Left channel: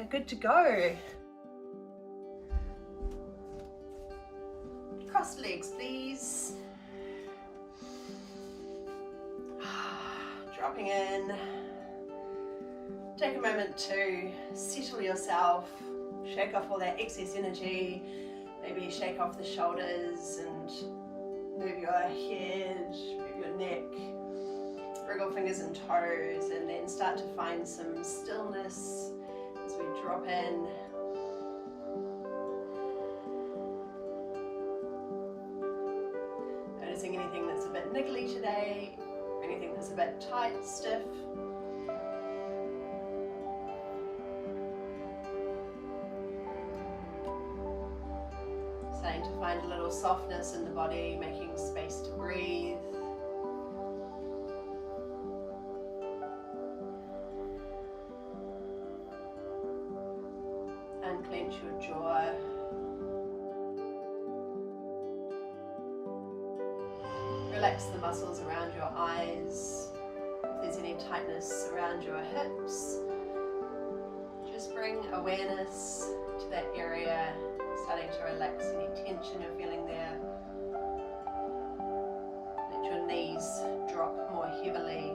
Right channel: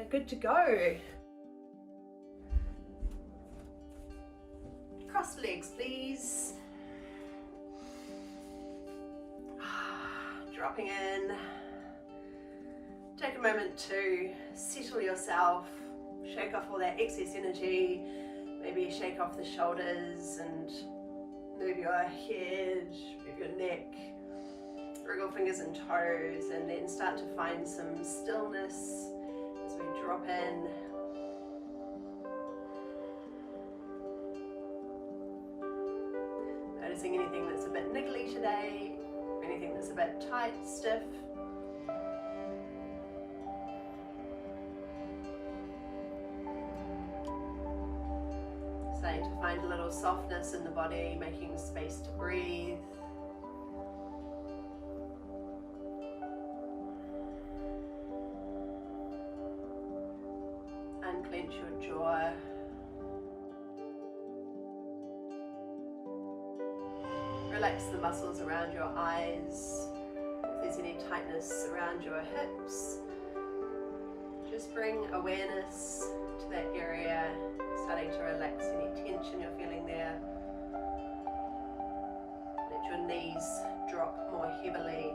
are good to go. Cross the legs, please. Dropping in. Take a moment to settle yourself, shake off all that excess energy, maybe shake off the shoulders and move your head, move your neck, wriggle fingers and toes, and then start to find some stillness as we drop in. Noticing anything that's a bit niggly today, anything that's a bit tight, stiff. Starting to find a little softness in the body, making space to breathe. Unclench your jaw. Relax the muscles around your eyes. If there's any tightness around your hips, just bring awareness to that area, starting to relax any tension you're feeling there. Let your knees drop more heavily.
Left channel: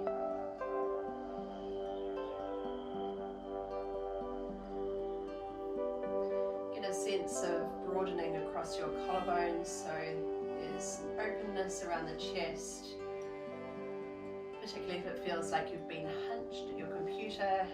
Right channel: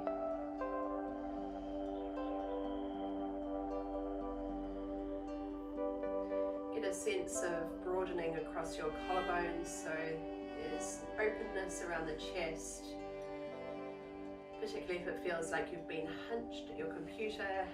Get a sense of broadening across your collarbones, so there's openness around the chest, particularly if it feels like you've been hunched at your computer.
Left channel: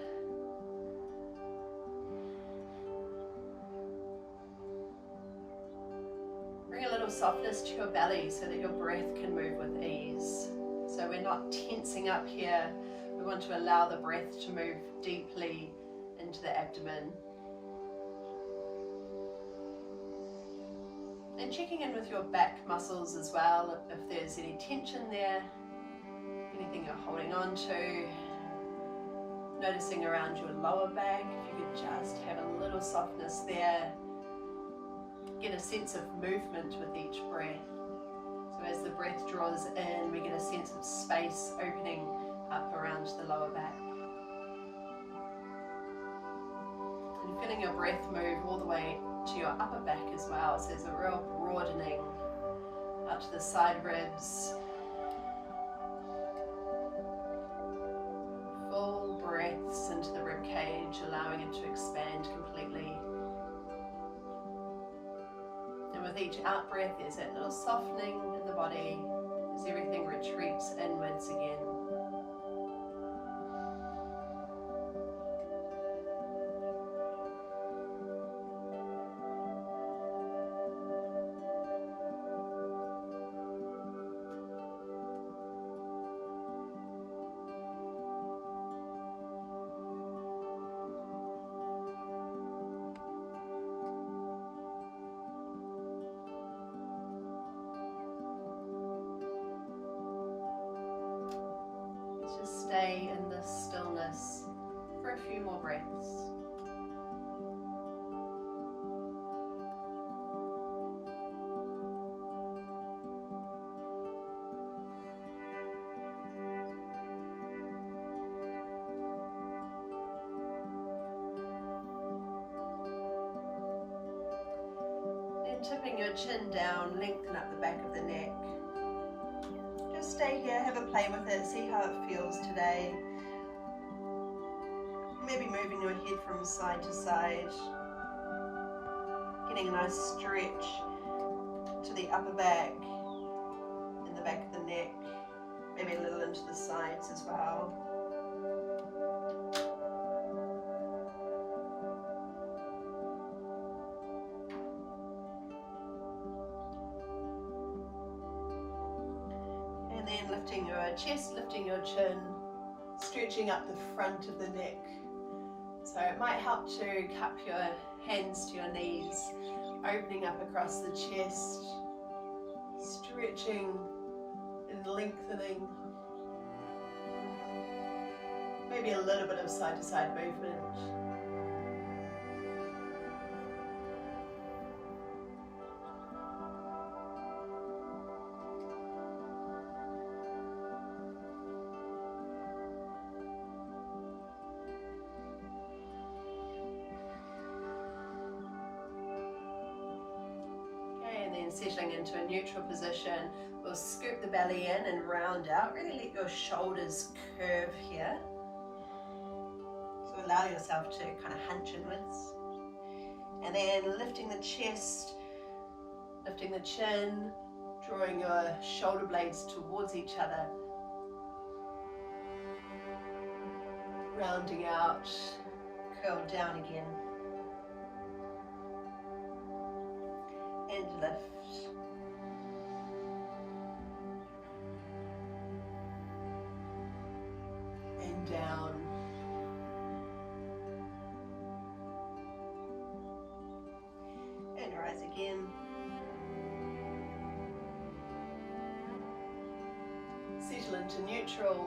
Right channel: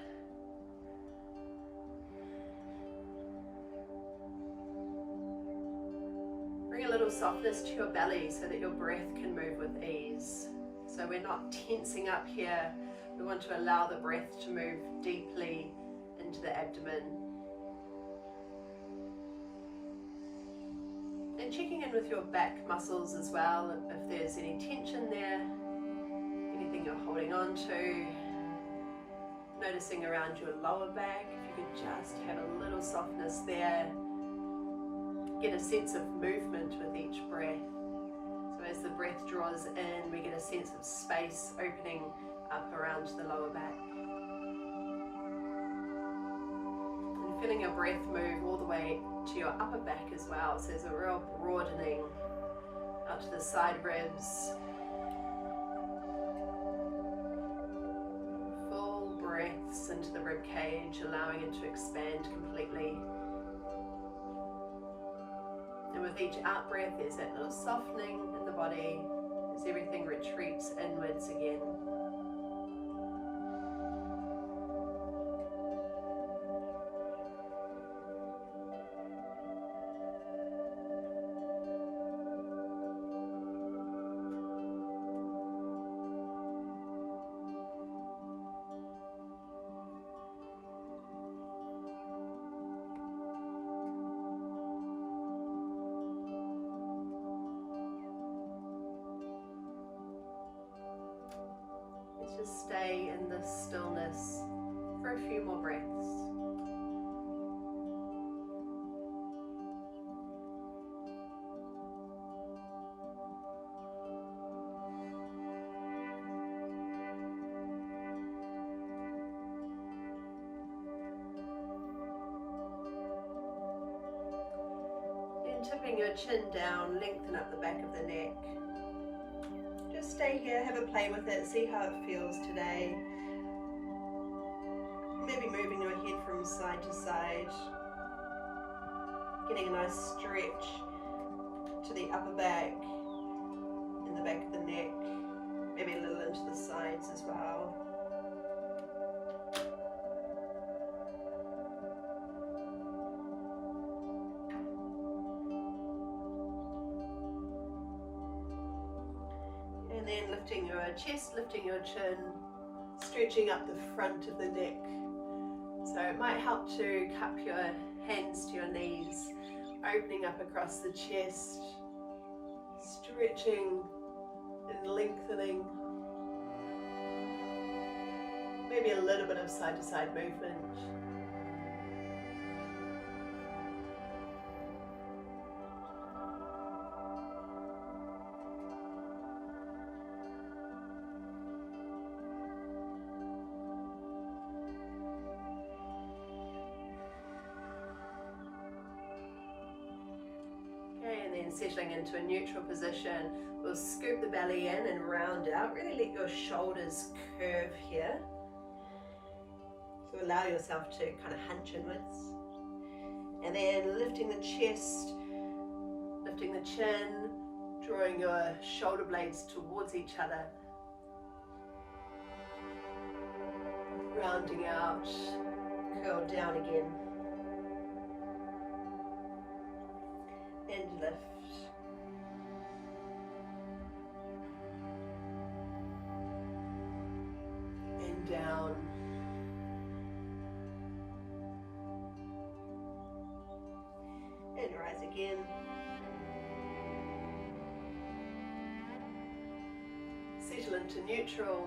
Bring a little softness to your belly so that your breath can move with ease. So we're not tensing up here, we want to allow the breath to move deeply into the abdomen. And checking in with your back muscles as well, if there's any tension there, anything you're holding on to. Noticing around your lower back, if you could just have a little softness there. Get a sense of movement with each breath. So as the breath draws in, we get a sense of space opening up around the lower back. And feeling your breath move all the way to your upper back as well. So there's a real broadening out to the side ribs. Full breaths into the rib cage, allowing it to expand completely. And with each out breath, there's that little softening in the body as everything retreats inwards again. Stay in this stillness for a few more breaths. Then tipping your chin down, lengthen up the back of the neck. Just stay here, have a play with it, see how it feels today. Maybe moving your head from side to side. Getting a nice stretch to the upper back and the back of the neck. Maybe a little into the sides as well. And then lifting your chest, lifting your chin, stretching up the front of the neck. So it might help to cup your hands to your knees, opening up across the chest, stretching and lengthening. Maybe a little bit of side to side movement. And then settling into a neutral position, we'll scoop the belly in and round out. Really let your shoulders curve here. So allow yourself to kind of hunch inwards. And then lifting the chest, lifting the chin, drawing your shoulder blades towards each other. Rounding out, curl down again. And lift. And down. And rise again. Settle into neutral.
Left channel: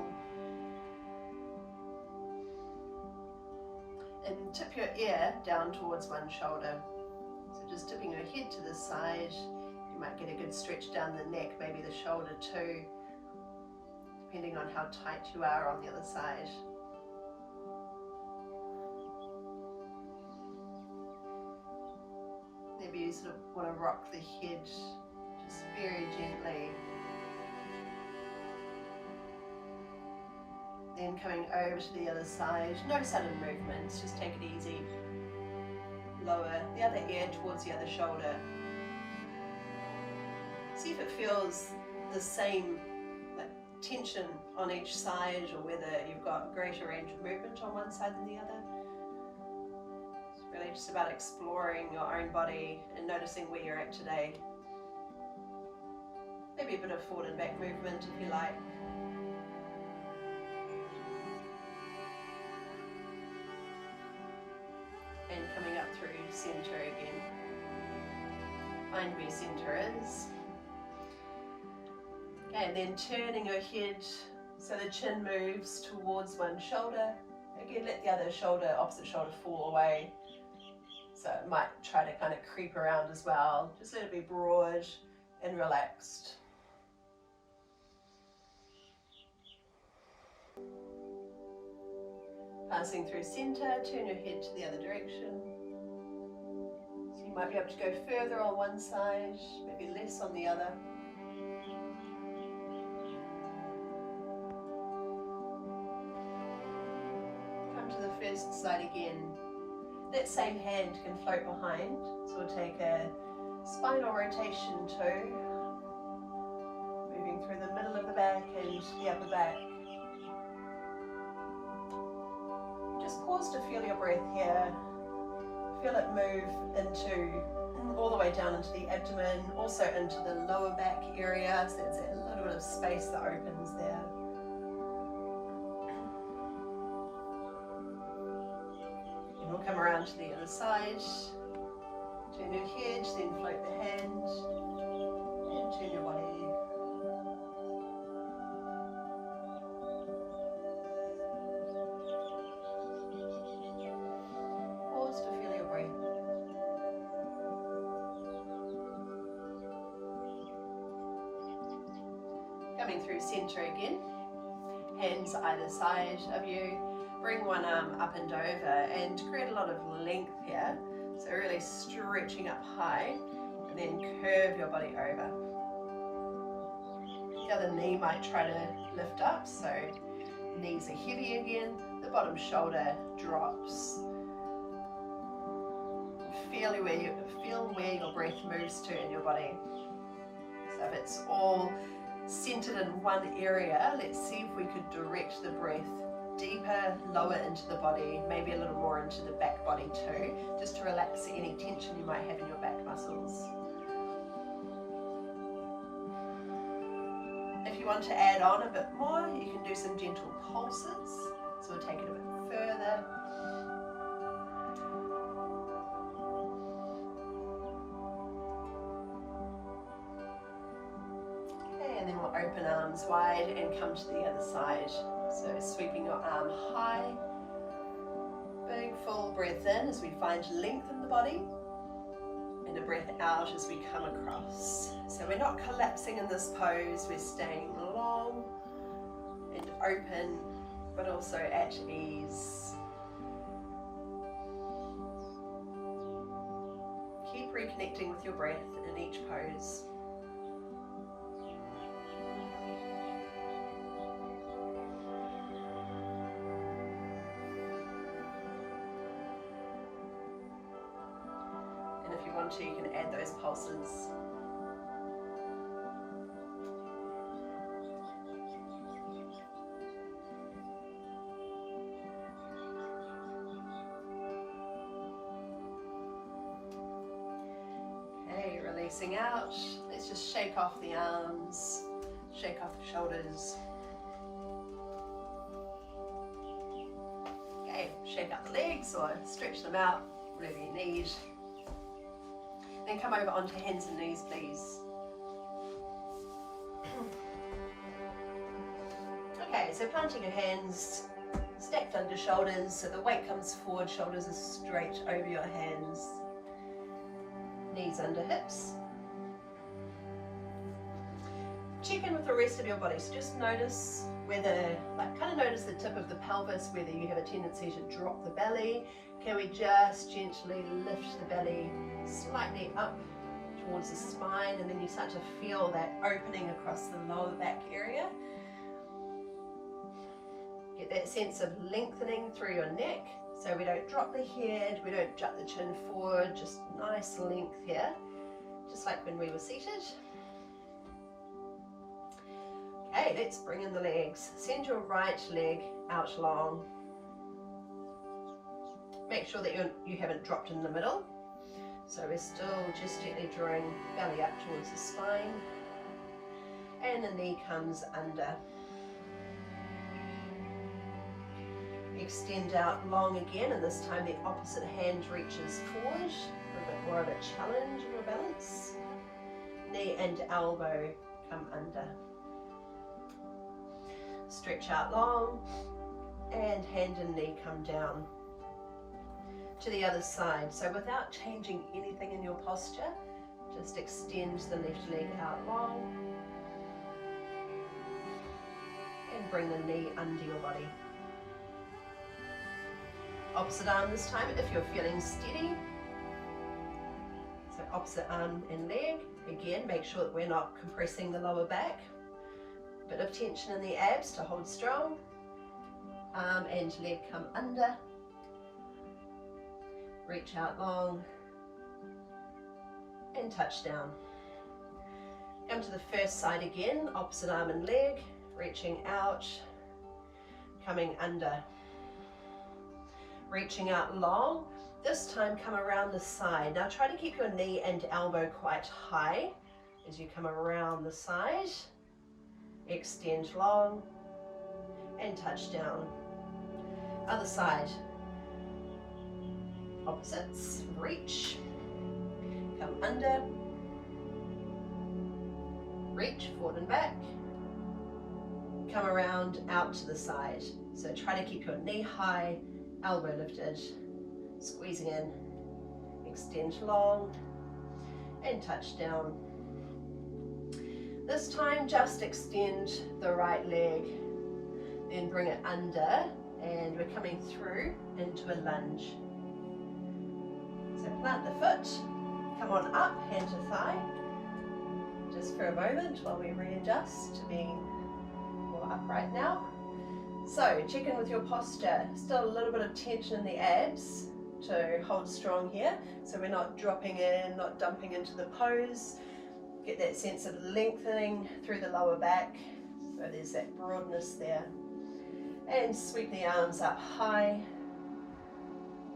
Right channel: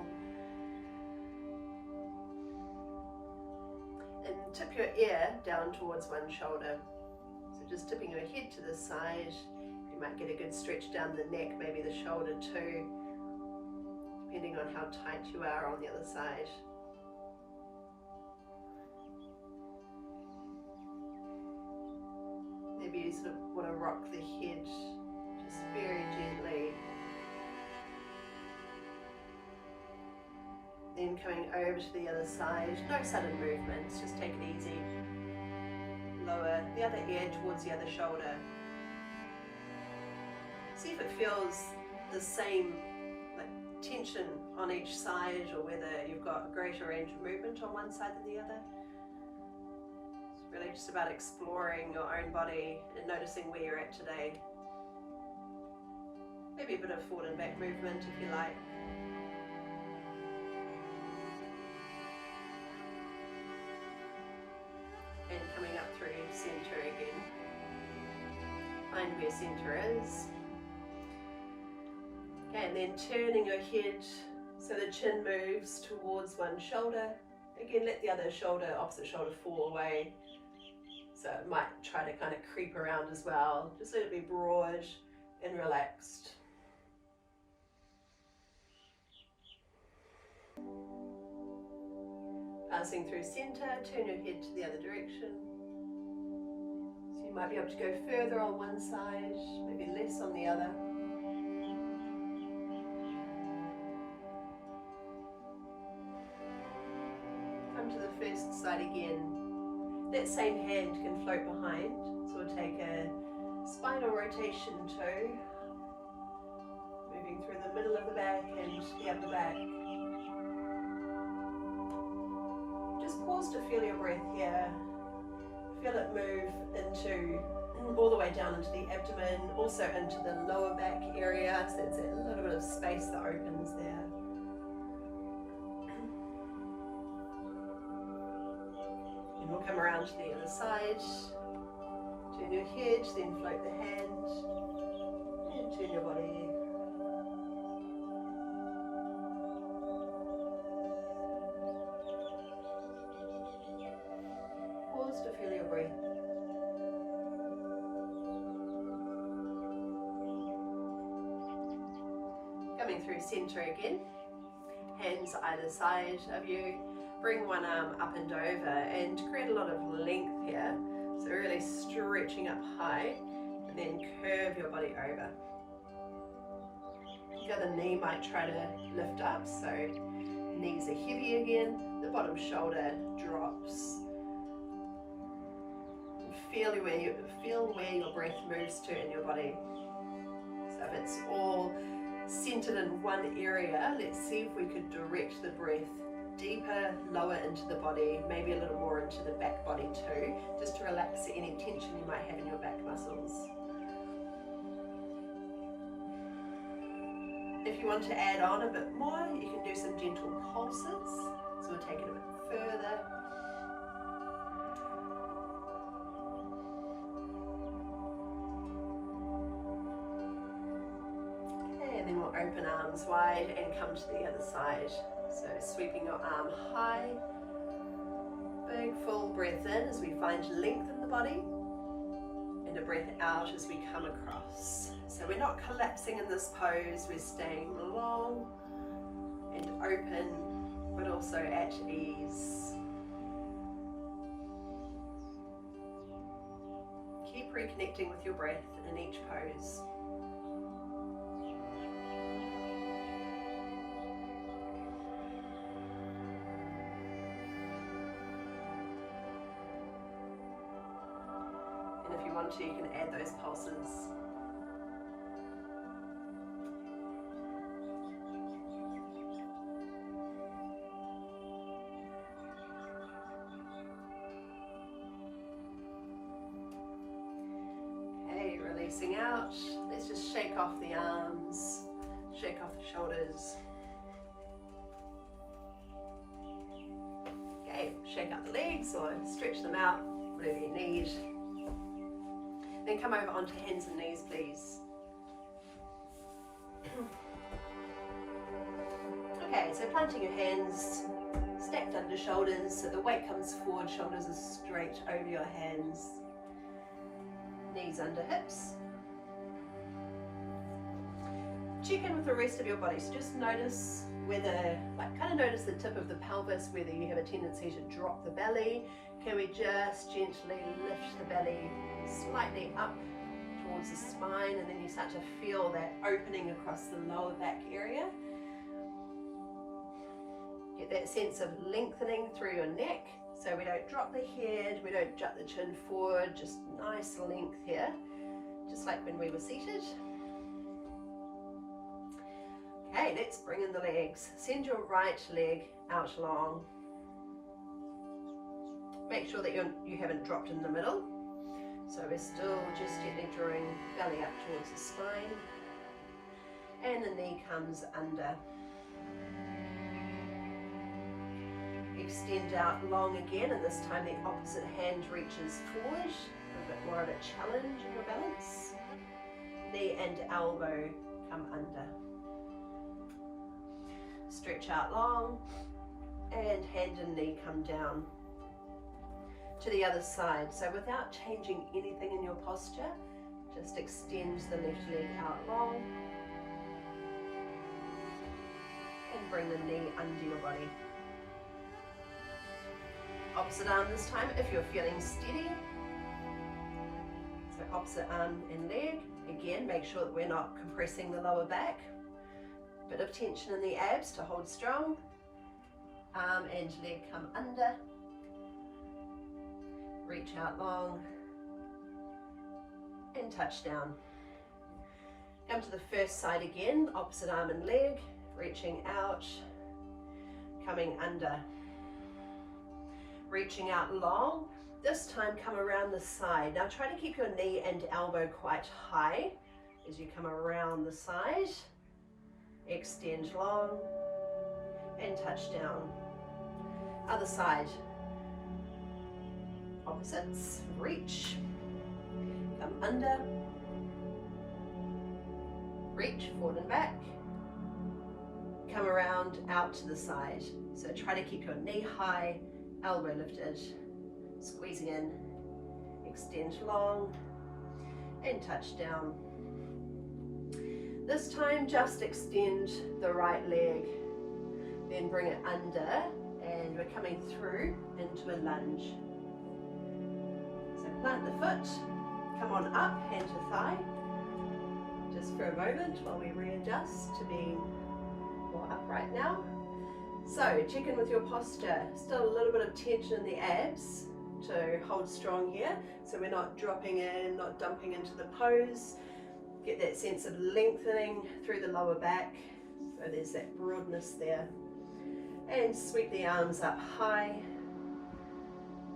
And tip your ear down towards one shoulder. Just tipping your head to the side, you might get a good stretch down the neck, maybe the shoulder too, depending on how tight you are on the other side. Maybe you sort of want to rock the head just very gently. Then coming over to the other side, no sudden movements, just take it easy. Lower the other ear towards the other shoulder. See if it feels the same tension on each side, or whether you've got greater range of movement on one side than the other. It's really just about exploring your own body and noticing where you're at today. Maybe a bit of forward and back movement if you like. Center again. Find where center is. Okay, and then turning your head so the chin moves towards one shoulder. Again, let the other shoulder, opposite shoulder, fall away. So it might try to kind of creep around as well. Just let it be broad and relaxed. Passing through center, turn your head to the other direction. You might be able to go further on one side, maybe less on the other. Come to the first side again. That same hand can float behind, so we'll take a spinal rotation too, moving through the middle of the back and the upper back. Just pause to feel your breath here. Feel it move into, all the way down into the abdomen, also into the lower back area, so there's a little bit of space that opens there. And we'll come around to the other side, turn your head, then float the hand, and turn your body. Coming through center again, hands either side of you, bring one arm up and over and create a lot of length here, so really stretching up high, and then curve your body over. The other knee might try to lift up, so knees are heavy again, the bottom shoulder drops. Feel where your breath moves to in your body. So if it's all centered in one area, let's see if we could direct the breath deeper, lower into the body, maybe a little more into the back body too, just to relax any tension you might have in your back muscles. If you want to add on a bit more, you can do some gentle pulses, so we'll take it a bit further. And then we'll open arms wide and come to the other side. So sweeping your arm high. Big full breath in as we find length in the body. And a breath out as we come across. So we're not collapsing in this pose, we're staying long and open, but also at ease. Keep reconnecting with your breath in each pose. And if you want to, you can add those pulses. Releasing out. Let's just shake off the arms, shake off the shoulders. Okay, shake out the legs or stretch them out, whatever you need. Then come over onto hands and knees, please. Okay, so planting your hands stacked under shoulders so the weight comes forward, shoulders are straight over your hands. Knees under hips. Check in with the rest of your body. So just notice whether, kind of notice the tip of the pelvis, whether you have a tendency to drop the belly. Can we just gently lift the belly slightly up towards the spine, and then you start to feel that opening across the lower back area. Get that sense of lengthening through your neck. So we don't drop the head, we don't jut the chin forward, just nice length here, just like when we were seated. Okay, let's bring in the legs. Send your right leg out long. Make sure that you haven't dropped in the middle. So we're still just gently drawing belly up towards the spine. And the knee comes under. Extend out long again, and this time the opposite hand reaches forward, a little bit more of a challenge in your balance. Knee and elbow come under. Stretch out long, and hand and knee come down. To the other side, so without changing anything in your posture, just extend the left leg out long, and bring the knee under your body. Opposite arm this time if you're feeling steady. So opposite arm and leg. Again, make sure that we're not compressing the lower back. Bit of tension in the abs to hold strong. Arm and leg come under. Reach out long. And touch down. Come to the first side again, opposite arm and leg. Reaching out. Coming under. Reaching out long. This time come around the side. Now try to keep your knee and elbow quite high as you come around the side. Extend long and touch down. Other side. Opposites. Reach. Come under. Reach forward and back. Come around out to the side. So try to keep your knee high, elbow lifted, squeezing in, extend long, and touch down. This time just extend the right leg, then bring it under, and we're coming through into a lunge. So plant the foot, come on up, hand to thigh, just for a moment while we readjust to being more upright now. So check in with your posture. Still a little bit of tension in the abs to hold strong here. So we're not dropping in, not dumping into the pose. Get that sense of lengthening through the lower back. So there's that broadness there. And sweep the arms up high.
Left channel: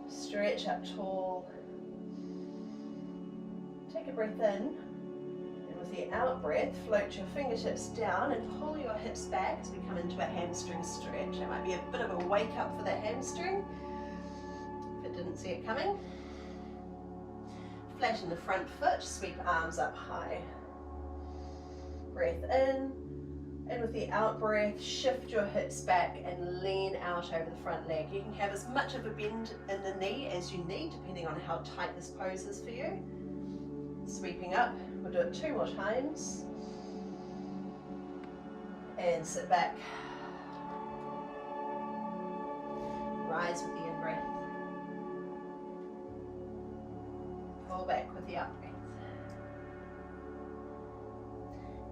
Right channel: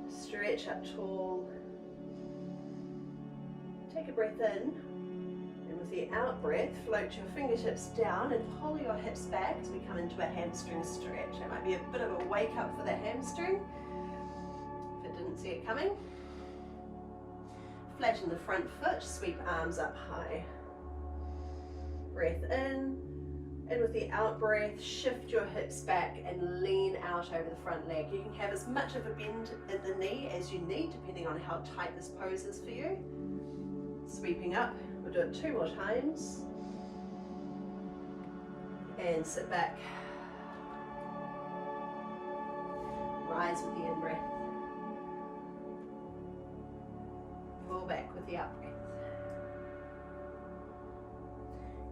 Stretch up tall. Take a breath in. The out breath, float your fingertips down and pull your hips back as we come into a hamstring stretch. It might be a bit of a wake up for the hamstring if it didn't see it coming. Flatten the front foot, sweep arms up high. Breath in, and with the out breath, shift your hips back and lean out over the front leg. You can have as much of a bend in the knee as you need, depending on how tight this pose is for you. Sweeping up. We'll do it 2 more times. And sit back. Rise with the in-breath. Fall back with the out breath.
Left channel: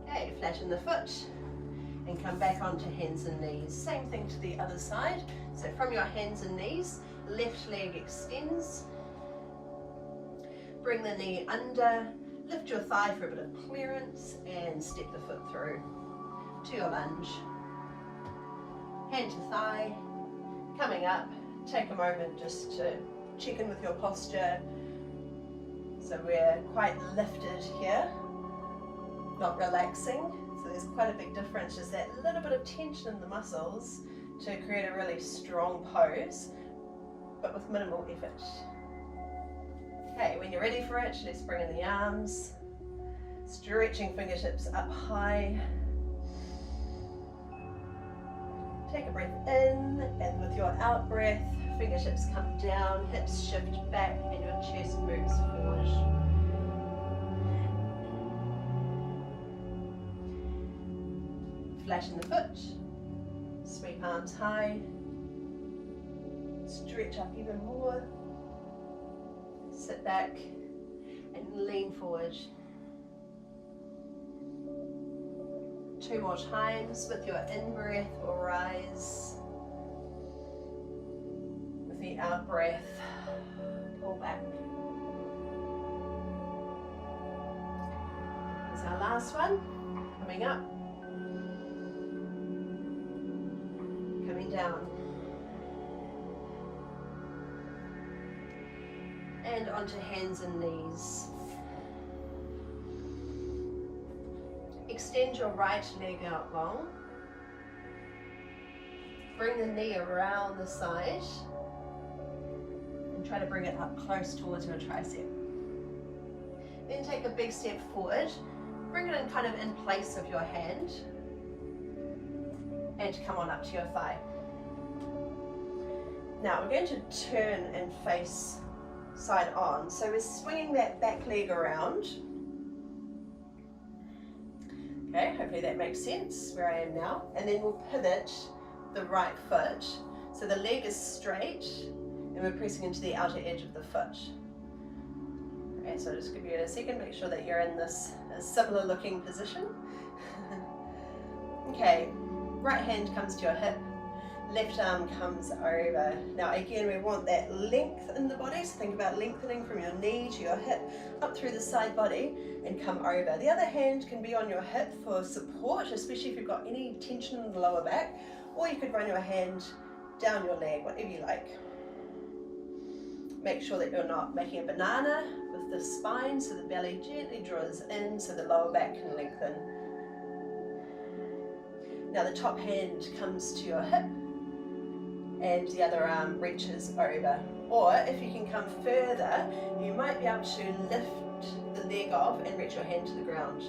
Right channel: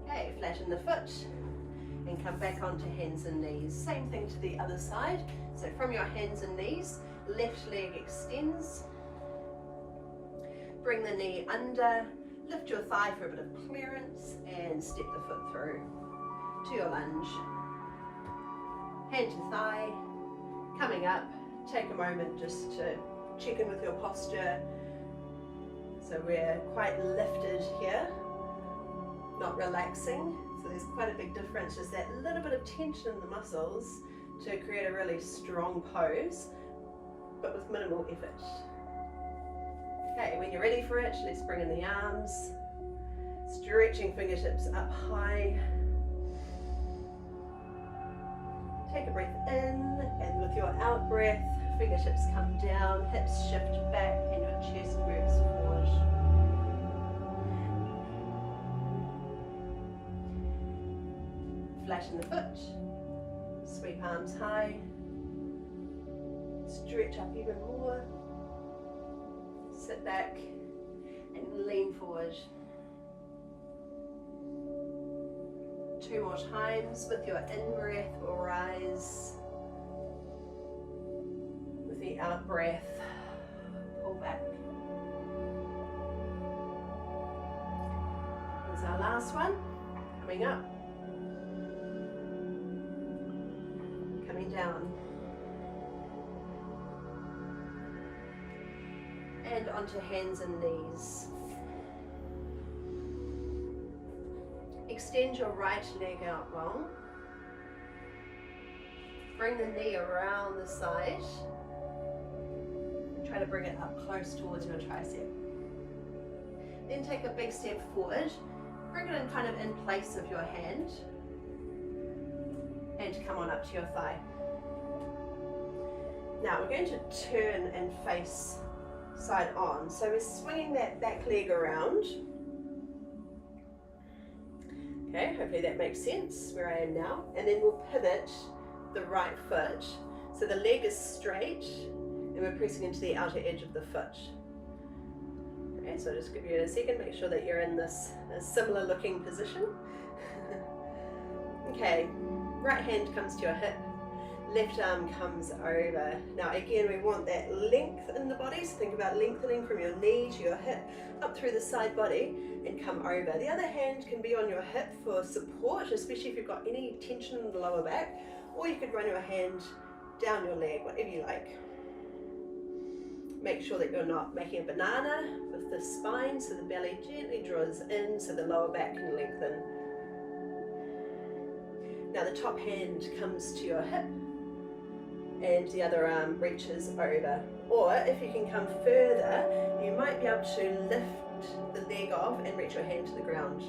Okay, flatten the foot and come back onto hands and knees. Same thing to the other side. So from your hands and knees, left leg extends. Bring the knee under, lift your thigh for a bit of clearance and step the foot through to your lunge. Hand to thigh, coming up. Take a moment just to check in with your posture. So we're quite lifted here, not relaxing. So there's quite a big difference, just that little bit of tension in the muscles to create a really strong pose, but with minimal effort. Okay, when you're ready for it, let's bring in the arms, stretching fingertips up high. Take a breath in, and with your out breath, fingertips come down, hips shift back, and your chest moves forward. Flatten the foot, sweep arms high, stretch up even more, sit back and lean forward. 2 more times. With your in-breath, we'll rise. With the out-breath, pull back. Here's our last one. Coming up. Coming down. And onto hands and knees. Extend your right leg out long. Bring the knee around the side and try to bring it up close towards your tricep. Then take a big step forward. Bring it in kind of in place of your hand and come on up to your thigh. Now we're going to turn and face side on. So we're swinging that back leg around. Okay, hopefully that makes sense where I am now. And then we'll pivot the right foot. So the leg is straight and we're pressing into the outer edge of the foot. Okay, so I'll just give you a second, make sure that you're in this similar looking position. Okay, right hand comes to your hip, left arm comes over. Now again, we want that length in the body, so think about lengthening from your knee to your hip, up through the side body and come over. The other hand can be on your hip for support, especially if you've got any tension in the lower back, or you could run your hand down your leg, whatever you like. Make sure that you're not making a banana with the spine, so the belly gently draws in so the lower back can lengthen. Now the top hand comes to your hip and the other arm reaches over. Or if you can come further, you might be able to lift the leg off and reach your hand to the ground.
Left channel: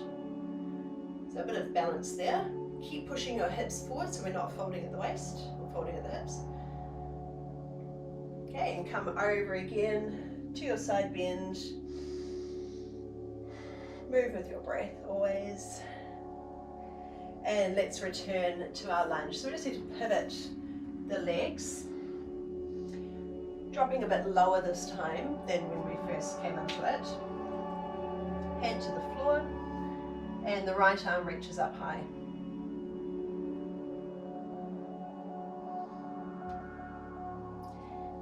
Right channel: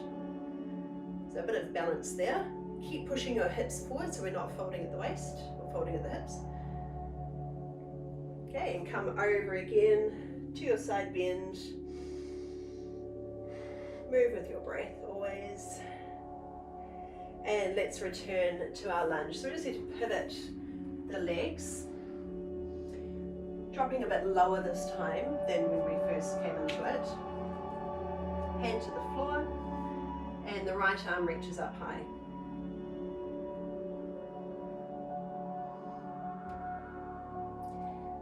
So a bit of balance there. Keep pushing your hips forward so we're not folding at the waist or folding at the hips. Okay, and come over again to your side bend. Move with your breath always. And let's return to our lunge. So we just need to pivot the legs, dropping a bit lower this time than when we first came into it. Hand to the floor, and the right arm reaches up high.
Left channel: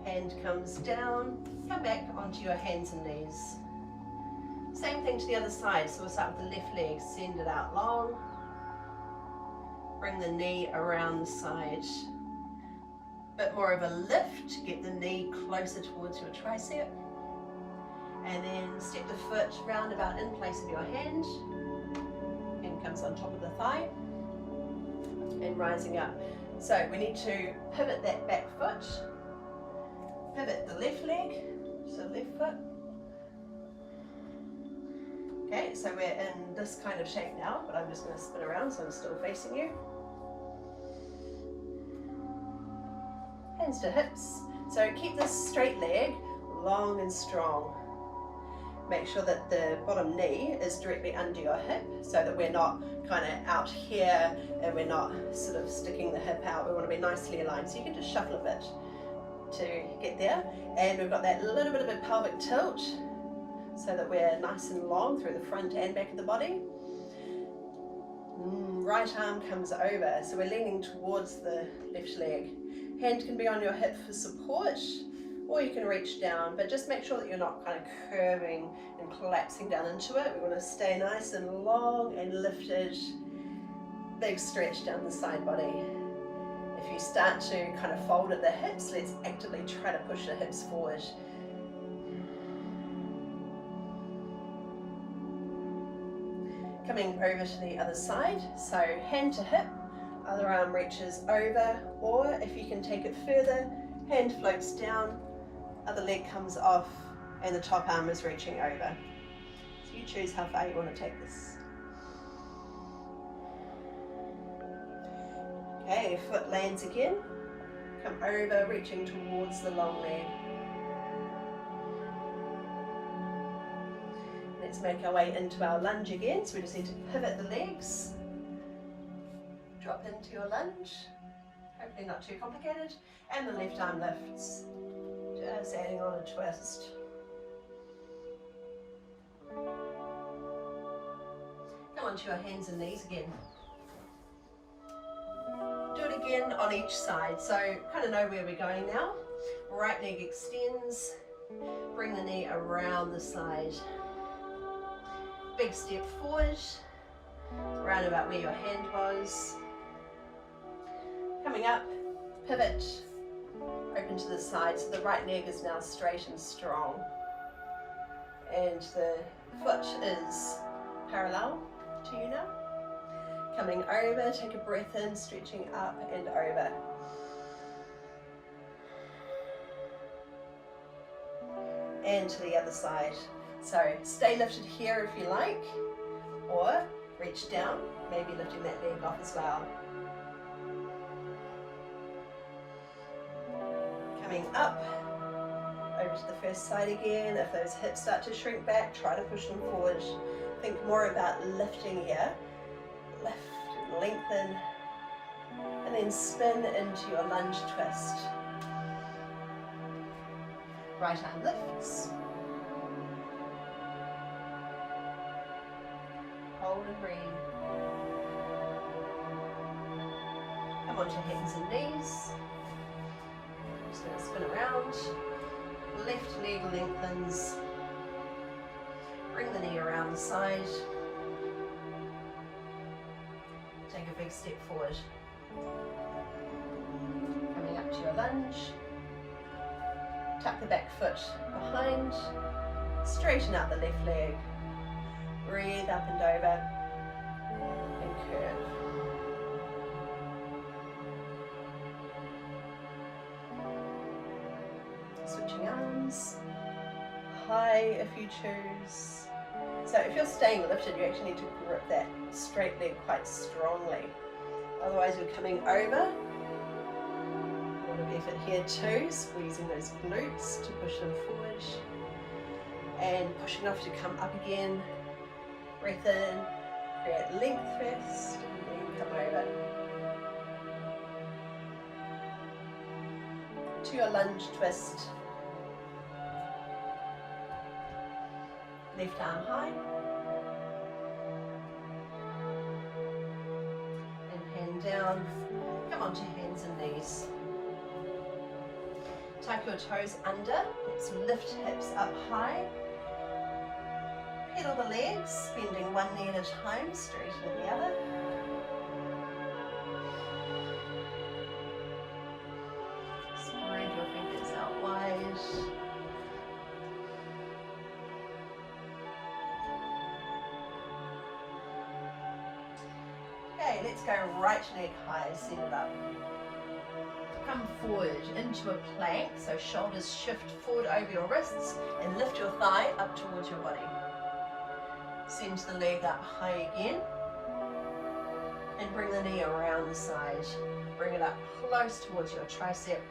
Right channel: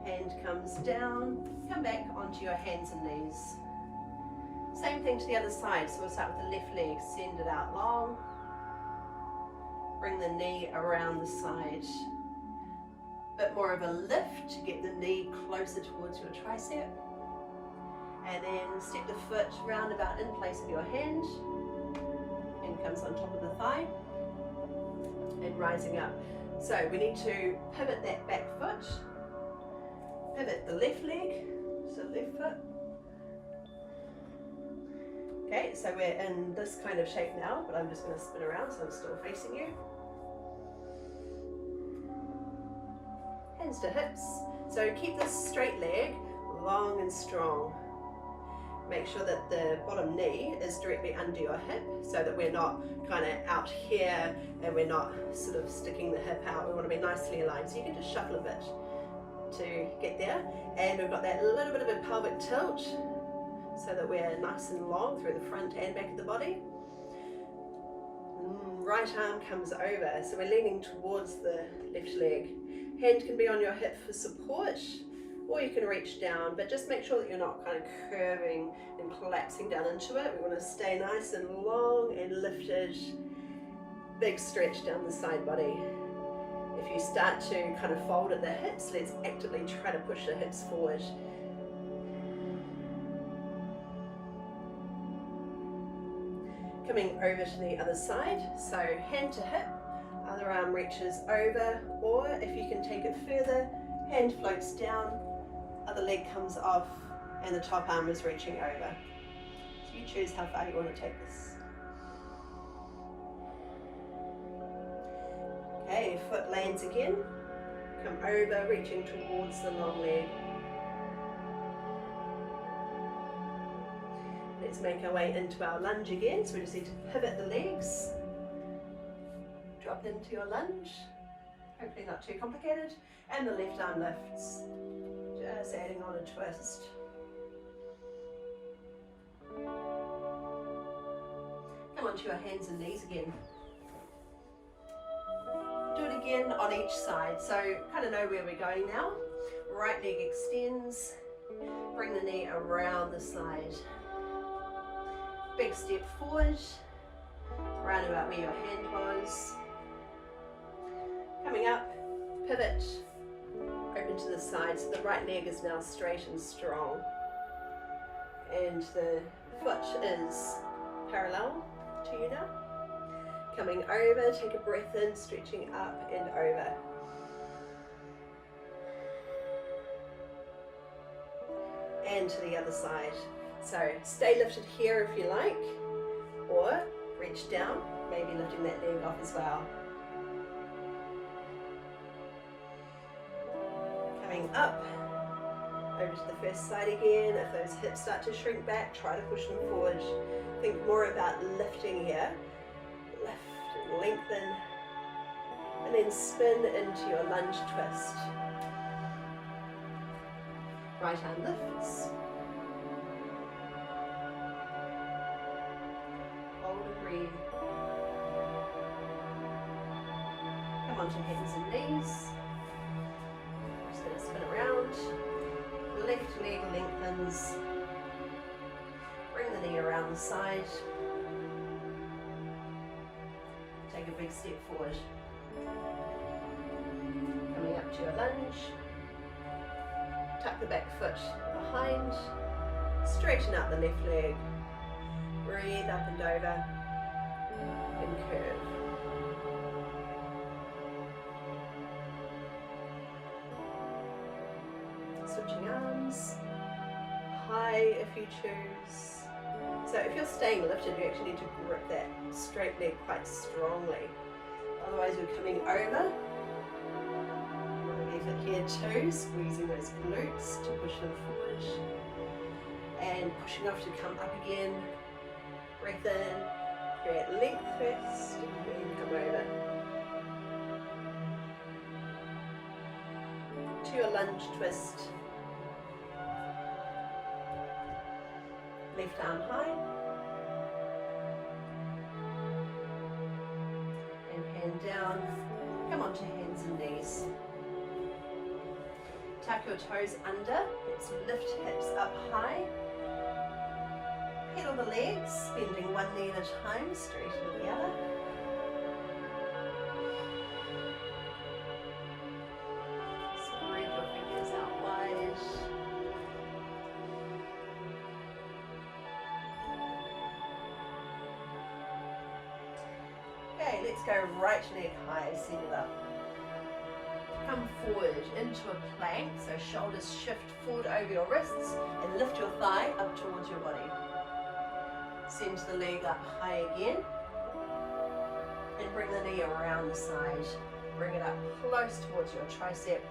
Hand comes down, come back onto your hands and knees. Same thing to the other side, so we'll start with the left leg, send it out long. Bring the knee around the side. Bit more of a lift, get the knee closer towards your tricep. And then step the foot round about in place of your hand. And comes on top of the thigh. And rising up. So we need to pivot that back foot. Pivot the left leg, so left foot. Okay, so we're in this kind of shape now, but I'm just going to spin around so I'm still facing you. Hands to hips. So keep this straight leg long and strong. Make sure that the bottom knee is directly under your hip so that we're not kind of out here and we're not sort of sticking the hip out. We want to be nicely aligned. So you can just shuffle a bit to get there. And we've got that little bit of a pelvic tilt. so that we're nice and long through the front and back of the body. Right arm comes over, so we're leaning towards the left leg. Hand can be on your hip for support, or you can reach down, but just make sure that you're not kind of curving and collapsing down into it. We want to stay nice and long and lifted. Big stretch down the side body. If you start to kind of fold at the hips, let's actively try to push the hips forward. Coming over to the other side, so hand to hip, other arm reaches over, or if you can take it further, hand floats down, other leg comes off, and the top arm is reaching over. So you choose how far you want to take this. Okay, foot lands again, come over, reaching towards the long leg. Let's make our way into our lunge again, so we just need to pivot the legs, drop into your lunge, hopefully not too complicated, and the left arm lifts, just adding on a twist. Come onto your hands and knees again. Do it again on each side, so kind of know where we're going now. Right leg extends, bring the knee around the side. Big step forward, round about where your hand was. Coming up, pivot, open to the side, so the right leg is now straight and strong. And the foot is parallel to you now. Coming over, take a breath in, stretching up and over. And to the other side. So stay lifted here if you like, or reach down, maybe lifting that leg off as well. Coming up, over to the first side again. If those hips start to shrink back, try to push them forward. Think more about lifting here. Lift and lengthen, and then spin into your lunge twist. Right arm lifts. Hold and breathe. Come onto hands and knees. Just going to spin around. Left leg lengthens. Bring the knee around the side. Take a big step forward. Coming up to your lunge. Tuck the back foot behind. Straighten out the left leg. Breathe up and over. And curve. Switching arms. High if you choose. So if you're staying lifted, you actually need to grip that straight leg quite strongly. Otherwise you're coming over. A little effort here too, squeezing those glutes to push them forward. And pushing off to come up again. Breath in, create length first, and then come over. To your lunge twist. Left arm high. And hand down. Come onto hands and knees. Tuck your toes under. Let's lift hips up high. Pedal the legs, bending one knee at a time, straightening the other. Spread your fingers out wide. Okay, let's go right leg high, set it up. Come forward into a plank, so shoulders shift forward over your wrists and lift your thigh up towards your body. Send the leg up high again and bring the knee around the side. Bring it up close towards your tricep.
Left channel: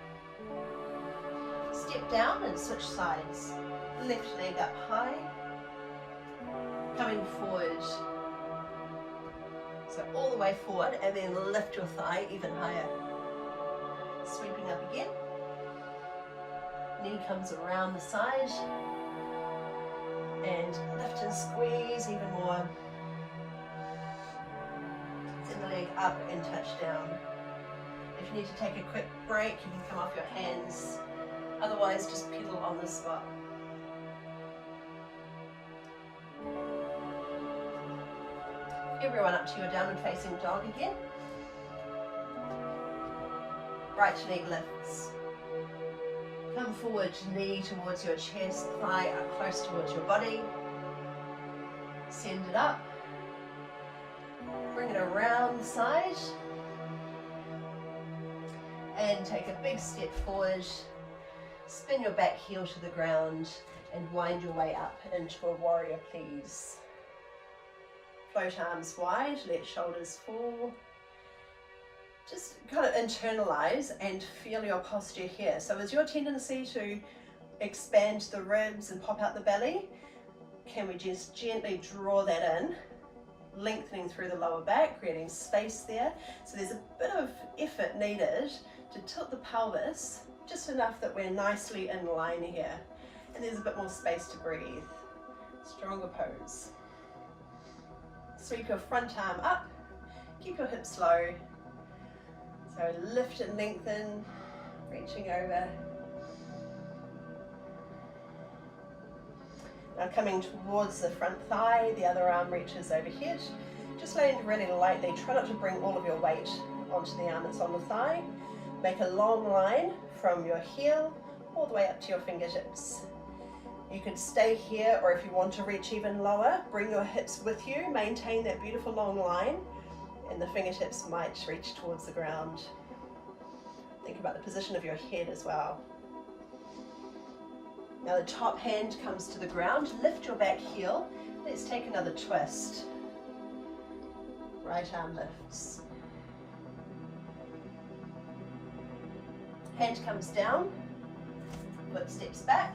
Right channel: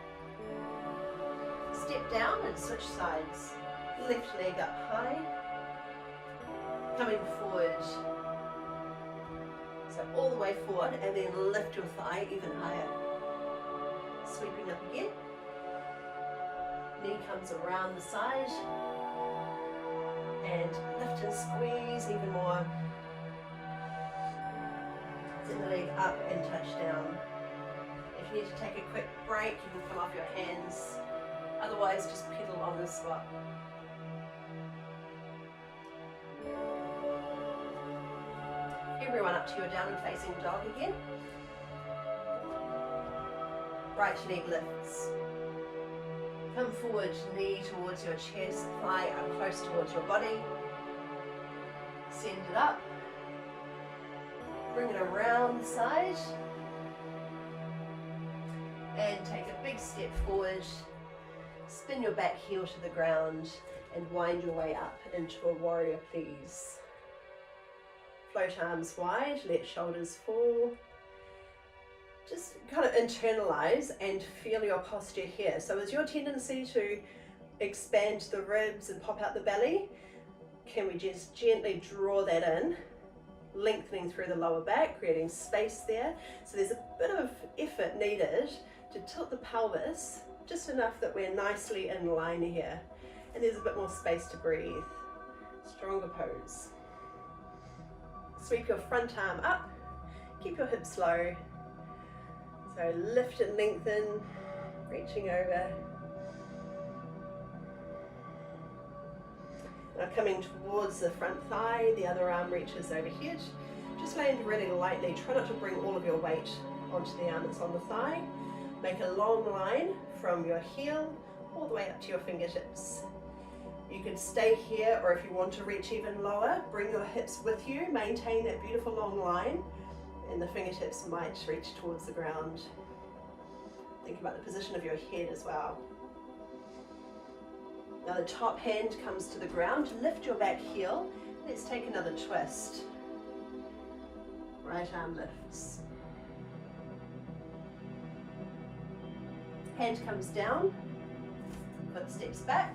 Step down and switch sides. Left leg up high. Coming forward. So all the way forward and then lift your thigh even higher. Sweeping up again. Knee comes around the side. and lift and squeeze even more. Send the leg up and touch down. If you need to take a quick break, you can come off your hands. Otherwise, just pedal on the spot. Everyone up to your downward facing dog again. Right leg lifts. Come forward, knee towards your chest, thigh up close towards your body. Send it up. Bring it around the side. And take a big step forward. Spin your back heel to the ground and wind your way up into a warrior please. Float arms wide, let shoulders fall. Just kind of internalize and feel your posture here. So is your tendency to expand the ribs and pop out the belly? Can we just gently draw that in, lengthening through the lower back, creating space there. So there's a bit of effort needed to tilt the pelvis, just enough that we're nicely in line here. And there's a bit more space to breathe. Stronger pose. Sweep your front arm up, keep your hips low. So lift and lengthen, reaching over. Now coming towards the front thigh, the other arm reaches overhead. Just land really lightly, try not to bring all of your weight onto the arm that's on the thigh. Make a long line from your heel all the way up to your fingertips. You could stay here, or if you want to reach even lower, bring your hips with you, maintain that beautiful long line, and the fingertips might reach towards the ground. Think about the position of your head as well. Now the top hand comes to the ground, lift your back heel. Let's take another twist. Right arm lifts. Hand comes down, foot steps back.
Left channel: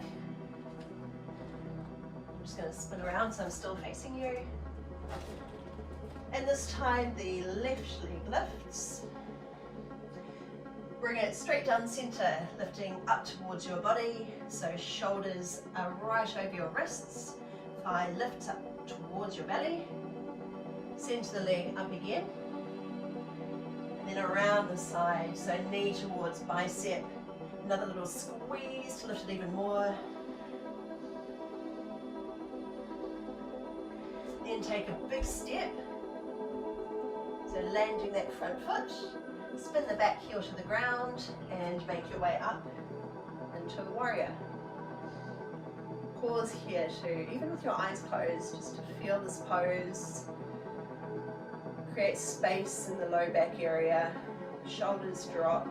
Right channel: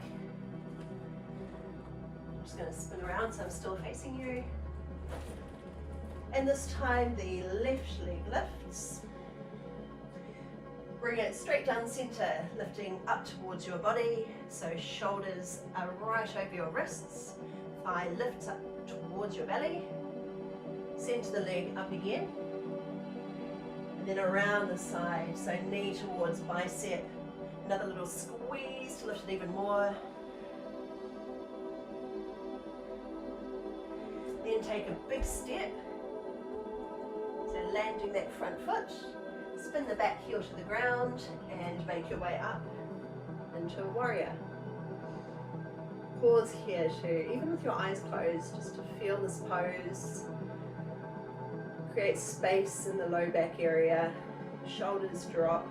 I'm just going to spin around so I'm still facing you. And this time the left leg lifts. Bring it straight down the center, lifting up towards your body. So shoulders are right over your wrists. Thigh lifts up towards your belly. Send the leg up again. And then around the side, so knee towards bicep. Another little squeeze to lift it even more. Then take a big step. So landing that front foot. Spin the back heel to the ground and make your way up into a warrior. Pause here too, even with your eyes closed, just to feel this pose. Create space in the low back area, shoulders drop,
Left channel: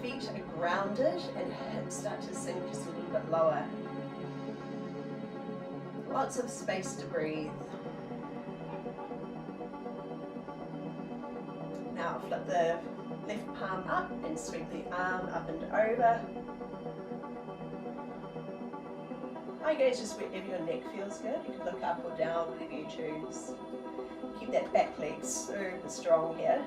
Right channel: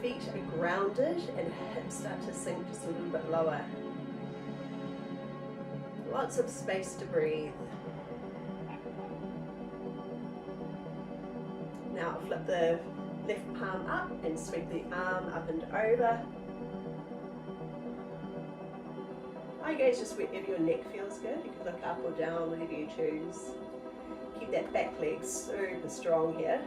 feet are grounded and hips start to sink just a little bit lower. Lots of space to breathe. Now flip the left palm up and sweep the arm up and over. Eye gaze just wherever your neck feels good. You can look up or down, whatever you choose. Keep that back leg super strong here.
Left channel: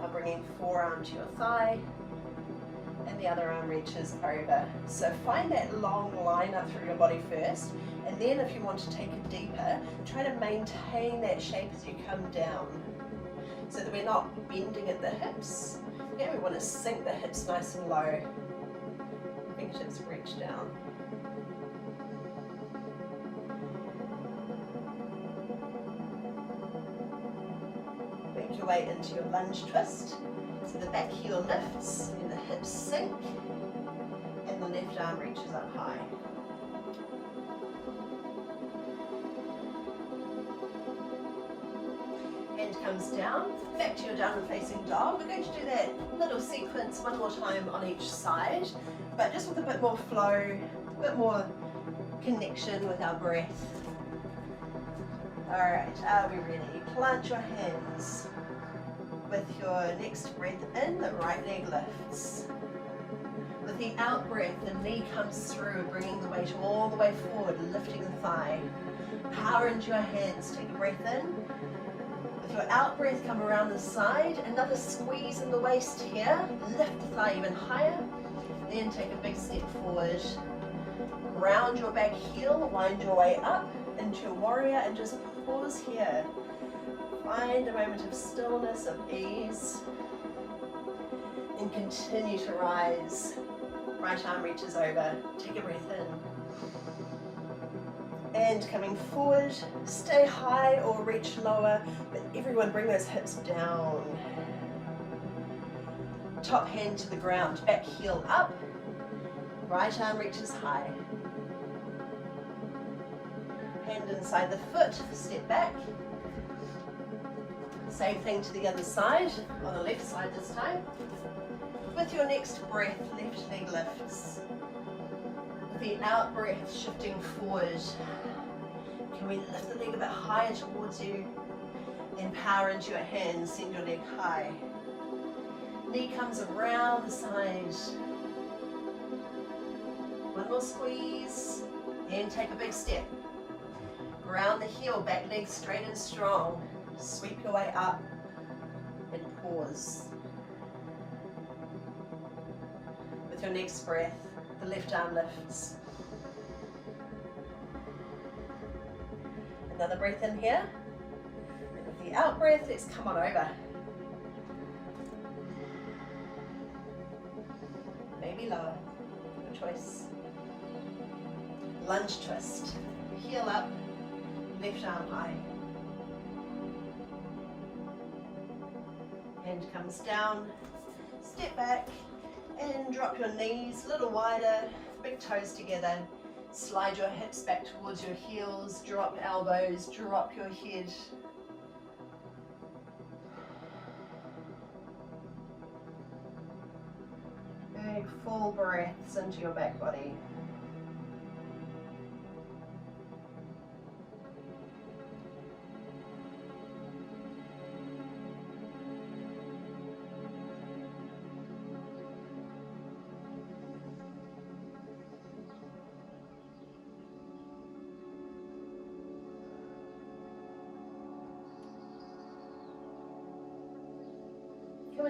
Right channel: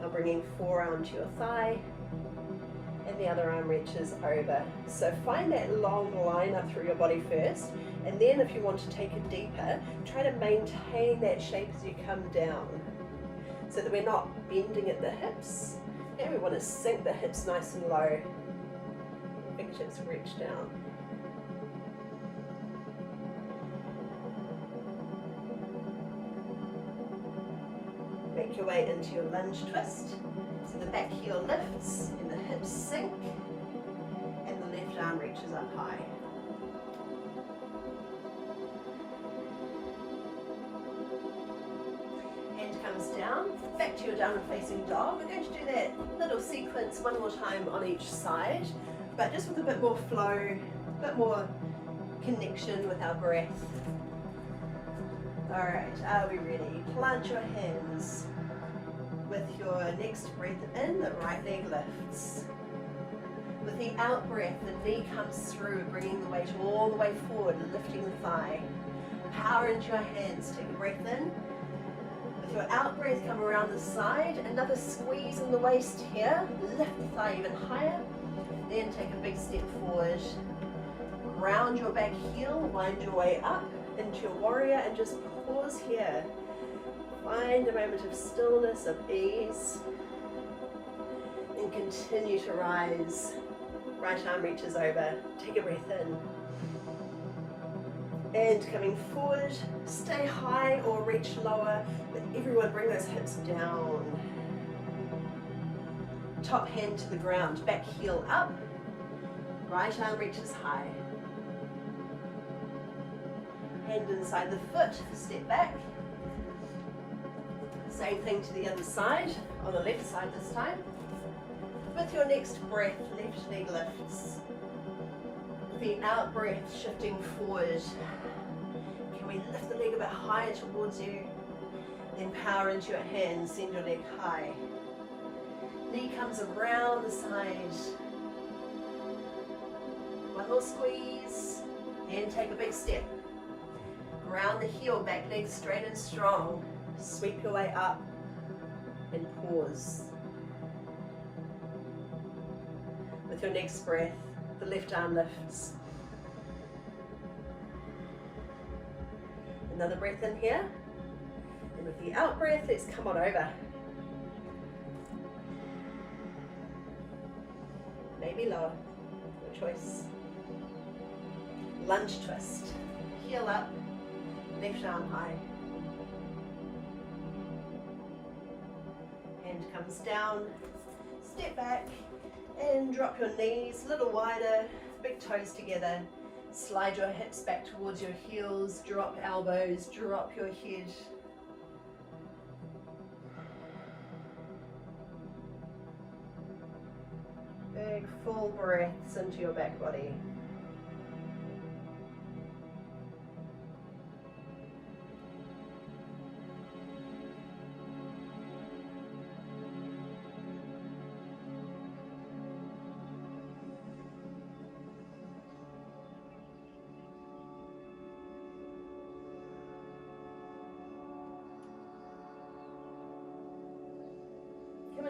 Now bringing forearm to your thigh and the other arm reaches over. So find that long line up through your body first, and then if you want to take it deeper, try to maintain that shape as you come down so that we're not bending at the hips. And we want to sink the hips nice and low. Fingertips reach down. Make your way into your lunge twist. So the back heel lifts and the hips sink and the left arm reaches up high. Hand comes down, back to your downward facing dog. We're going to do that little sequence one more time on each side, but just with a bit more flow, a bit more connection with our breath. Alright, are we ready? Plant your hands. With your next breath in, the right leg lifts. With the out breath, the knee comes through, bringing the weight all the way forward, lifting the thigh. Power into your hands, take a breath in. With your out breath, come around the side, another squeeze in the waist here, lift the thigh even higher. Then take a big step forward. Ground your back heel, wind your way up into your warrior and just pause here. Find a moment of stillness, of ease, and continue to rise. Right arm reaches over. Take a breath in. And coming forward, stay high or reach lower, but everyone bring those hips down. Top hand to the ground, back heel up, right arm reaches high. Hand inside the foot, step back. Same thing to the other side, on the left side this time. With your next breath, left leg lifts. With the out breath, shifting forward. Can we lift the leg a bit higher towards you? Then power into your hands, send your leg high. Knee comes around the side. One more squeeze. And take a big step. Ground the heel, back leg straight and strong. Sweep your way up and pause. With your next breath, the left arm lifts. Another breath in here. And with the out breath, let's come on over. Maybe lower, your choice. Lunge twist. Heel up, left arm high. Hand comes down, step back and drop your knees a little wider, big toes together. Slide your hips back towards your heels, drop elbows, drop your head. Big full breaths into your back body.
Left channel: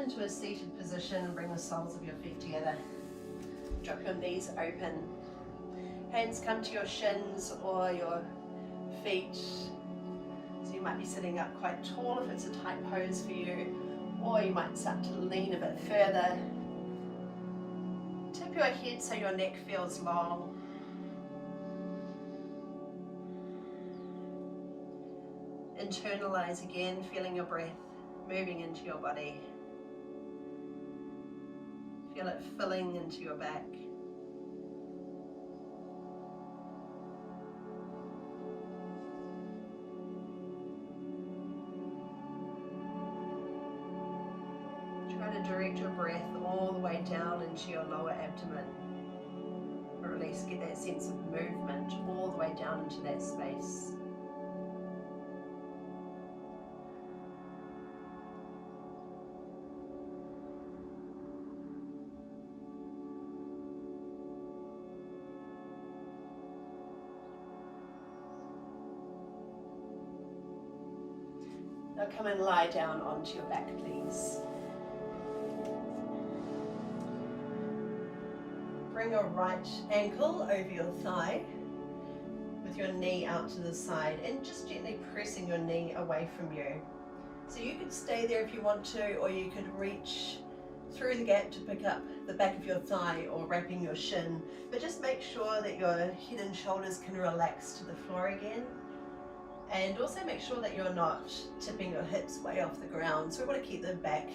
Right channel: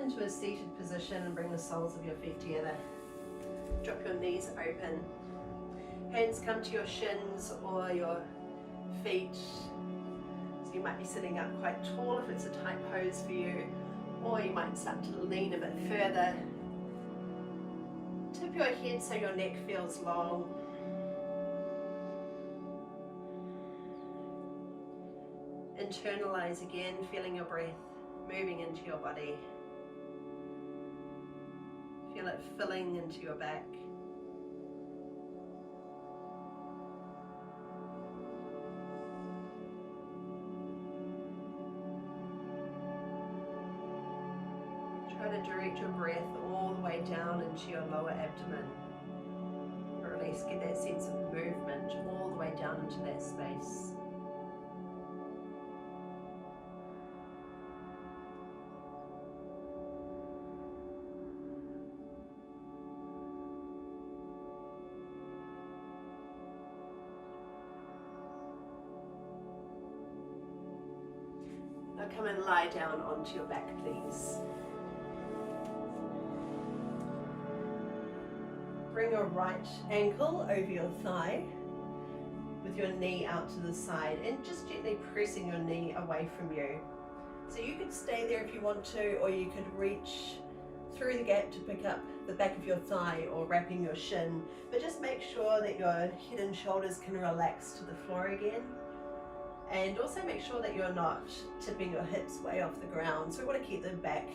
Into a seated position and bring the soles of your feet together. Drop your knees open. Hands come to your shins or your feet. So you might be sitting up quite tall if it's a tight pose for you, or you might start to lean a bit further. Tip your head so your neck feels long. Internalize again, feeling your breath moving into your body. Feel it filling into your back. Try to direct your breath all the way down into your lower abdomen. Or at least get that sense of movement all the way down into that space. Now come and lie down onto your back, please. Bring your right ankle over your thigh with your knee out to the side and just gently pressing your knee away from you. So you could stay there if you want to, or you could reach through the gap to pick up the back of your thigh or wrapping your shin, but just make sure that your head and shoulders can relax to the floor again. And also make sure that you're not tipping your hips way off the ground. So we want to keep them back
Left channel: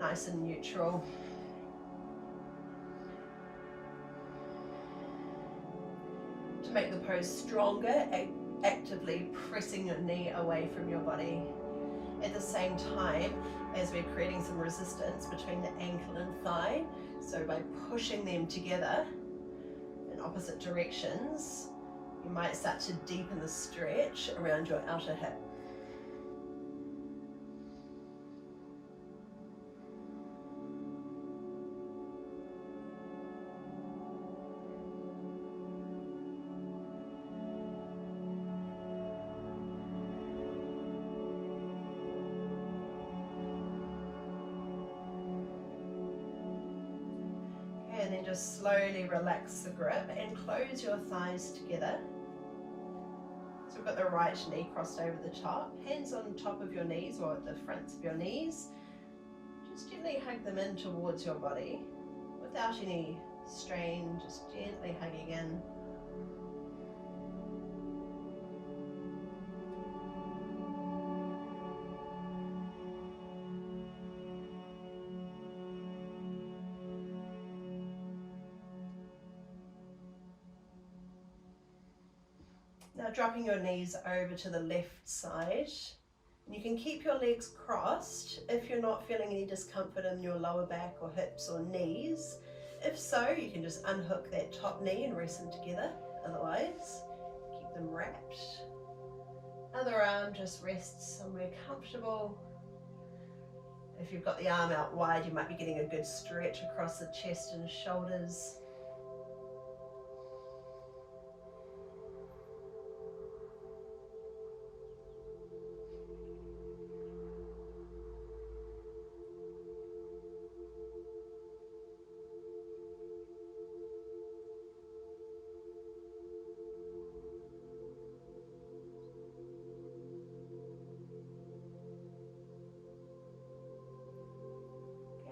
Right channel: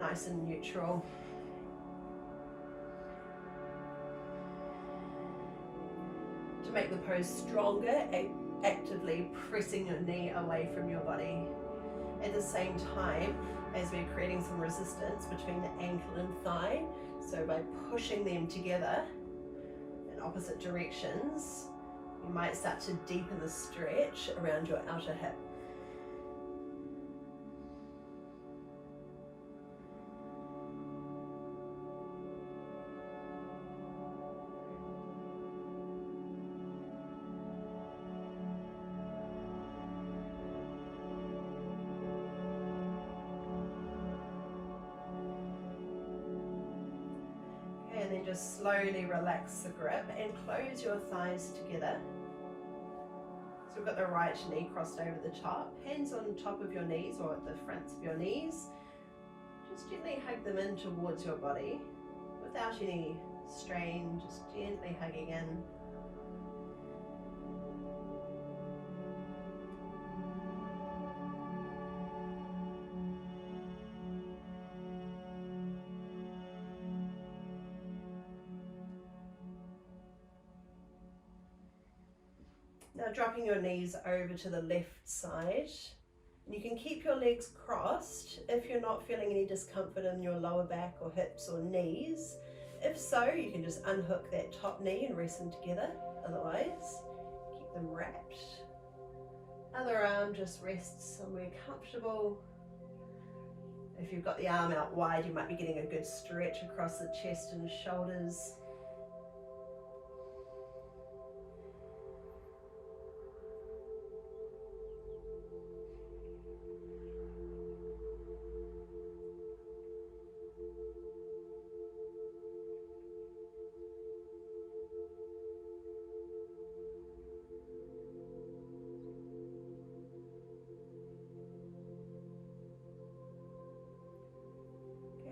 nice and neutral. To make the pose stronger, actively pressing your knee away from your body. At the same time, as we're creating some resistance between the ankle and thigh, so by pushing them together in opposite directions, you might start to deepen the stretch around your outer hip. just slowly relax the grip and close your thighs together. So we've got the right knee crossed over the top, hands on top of your knees or at the fronts of your knees. Just gently hug them in towards your body without any strain, just gently hugging in. Now dropping your knees over to the left side. You can keep your legs crossed if you're not feeling any discomfort in your lower back or hips or knees. If so, you can just unhook that top knee and rest them together. Otherwise, keep them wrapped. Other arm just rests somewhere comfortable. If you've got the arm out wide, you might be getting a good stretch across the chest and shoulders.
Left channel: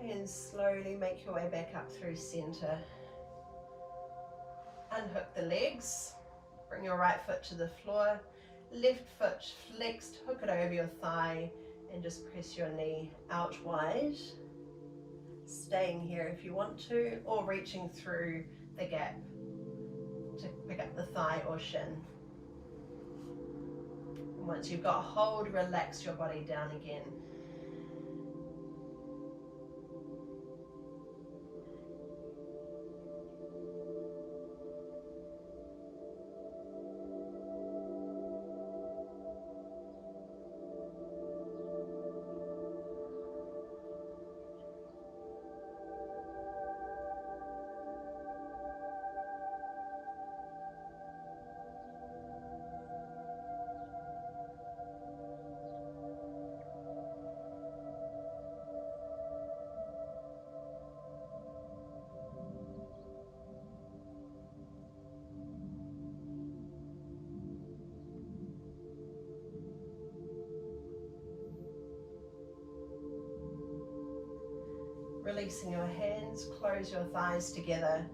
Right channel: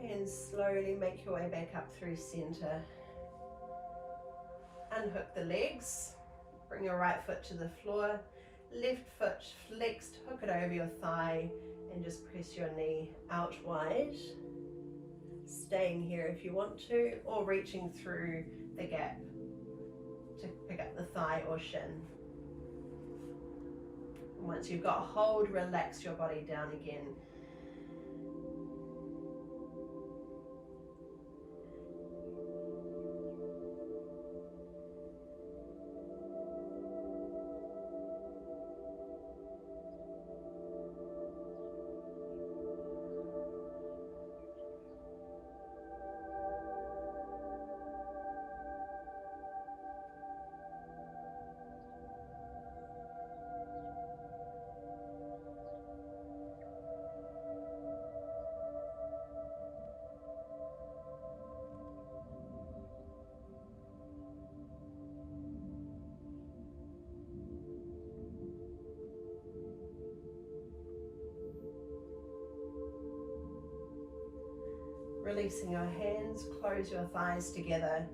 And slowly make your way back up through center. Unhook the legs, bring your right foot to the floor, left foot flexed, hook it over your thigh and just press your knee out wide. Staying here if you want to, or reaching through the gap to pick up the thigh or shin. And once you've got hold, relax your body down again. Releasing your hands, close your thighs together,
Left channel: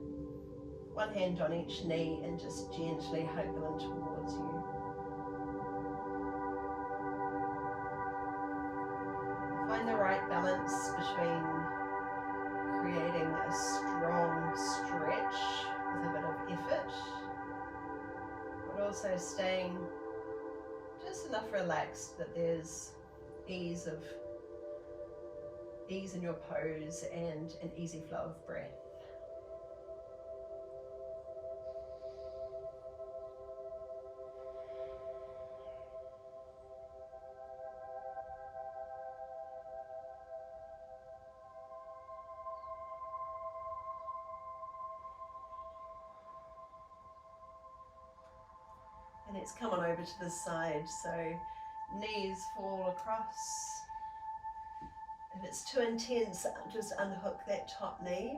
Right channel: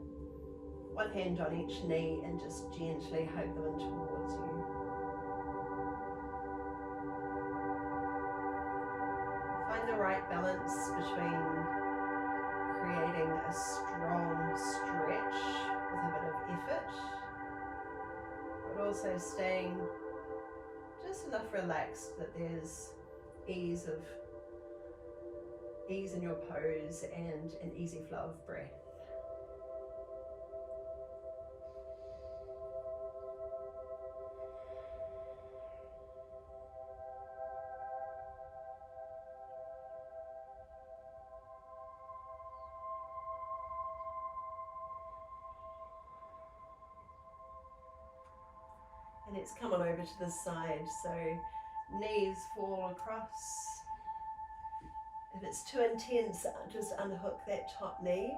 one hand on each knee and just gently hug them in towards you. Find the right balance between creating a strong stretch with a bit of effort, but also staying just enough relaxed that there's ease in your pose and an easy flow of breath. And let's come on over to the side, so knees fall across. If it's too intense, just unhook that top knee.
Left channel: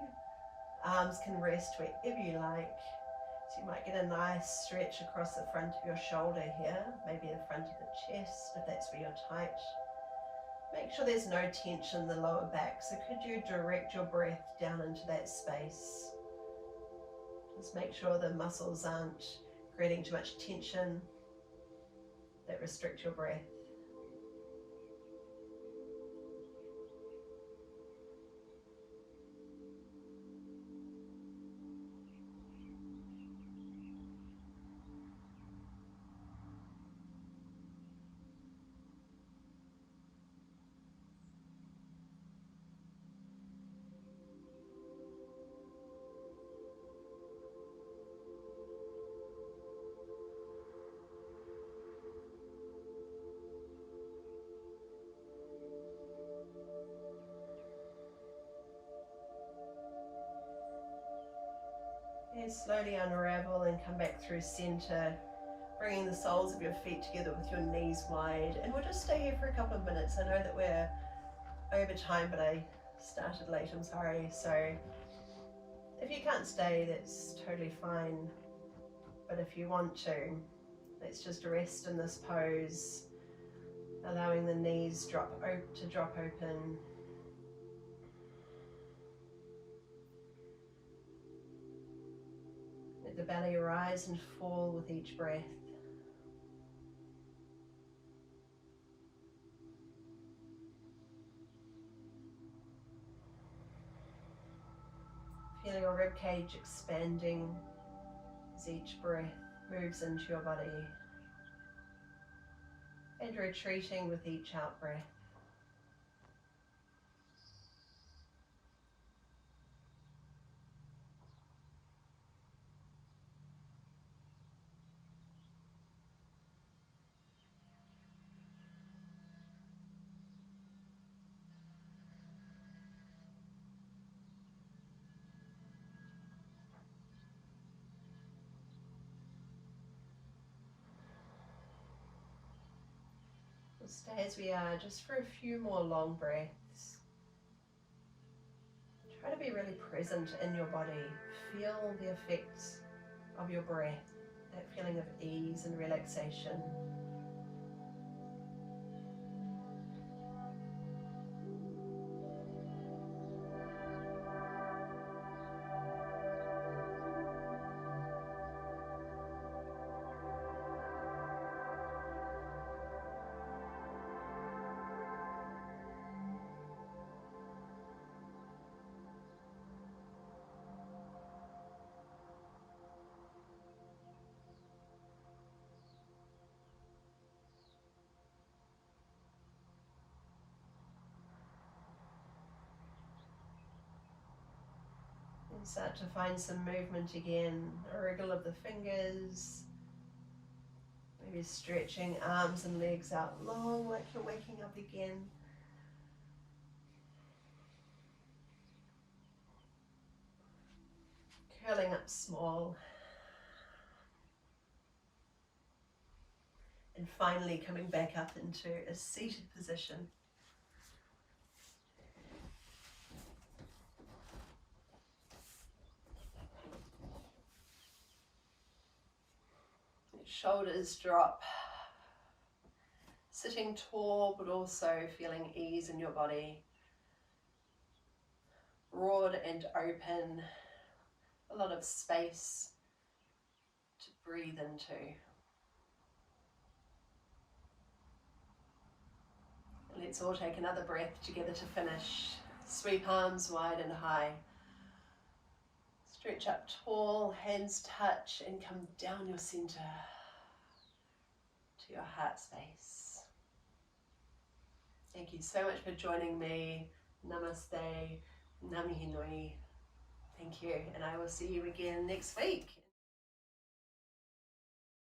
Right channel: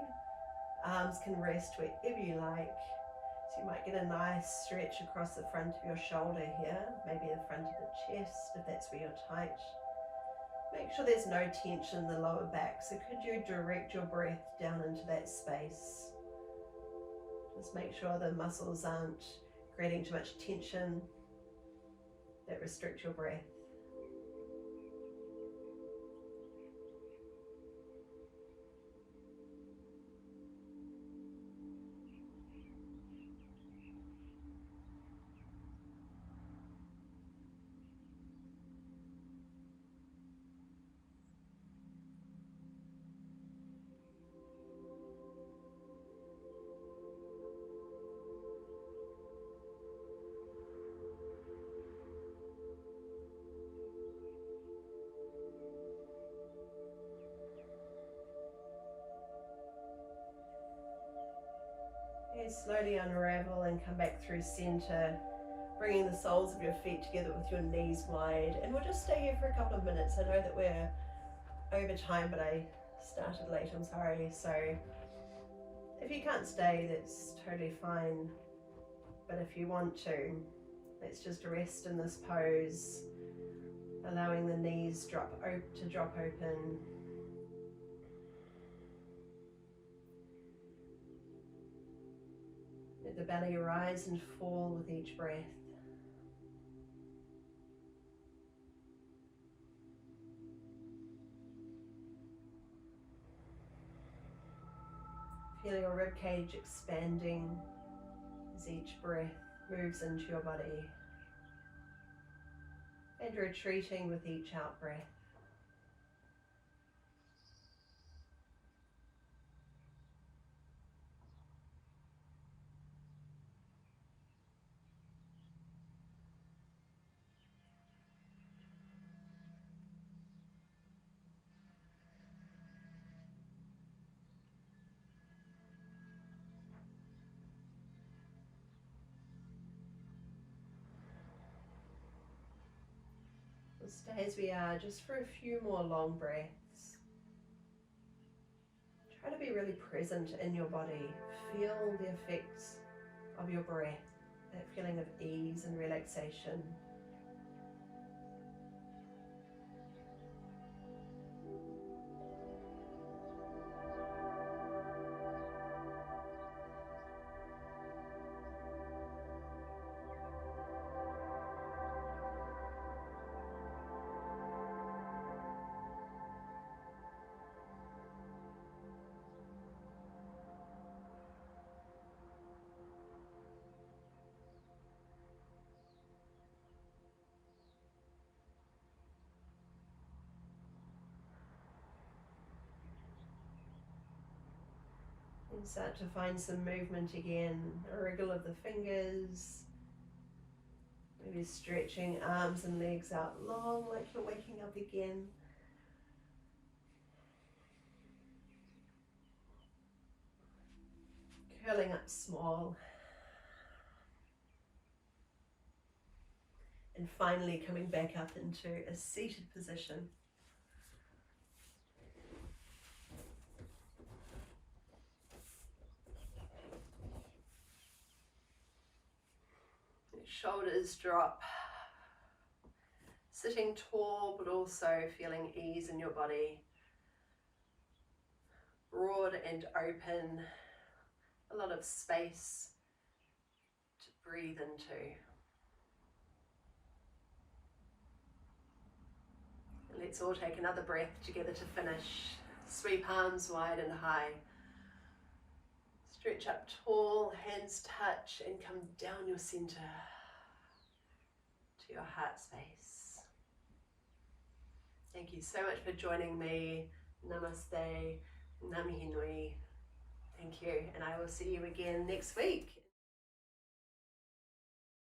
Arms can rest wherever you like. So you might get a nice stretch across the front of your shoulder here, maybe the front of the chest if that's where you're tight. Make sure there's no tension in the lower back, so could you direct your breath down into that space? Just make sure the muscles aren't creating too much tension that restrict your breath. And slowly unravel and come back through center, bringing the soles of your feet together with your knees wide. And we'll just stay here for a couple of minutes. I know that we're over time, but I started late, I'm sorry. So If you can't stay, that's totally fine. But if you want to, let's just rest in this pose, allowing the knees to drop open. Let the belly rise and fall with each breath. Feel your ribcage expanding as each breath moves into your body, and retreating with each out breath. We'll stay as we are just for a few more long breaths. Try to be really present in your body. Feel the effects of your breath, that feeling of ease and relaxation. And start to find some movement again, a wriggle of the fingers, maybe stretching arms and legs out long like you're waking up again. Curling up small. And finally coming back up into a seated position. Shoulders drop. Sitting tall, but also feeling ease in your body. Broad and open. A lot of space to breathe into. Let's all take another breath together to finish. Sweep arms wide and high. Stretch up tall, hands touch, and come down your center to your heart space. Thank you so much for joining me. Namaste, Namihi Nui. Thank you, and I will see you again next week.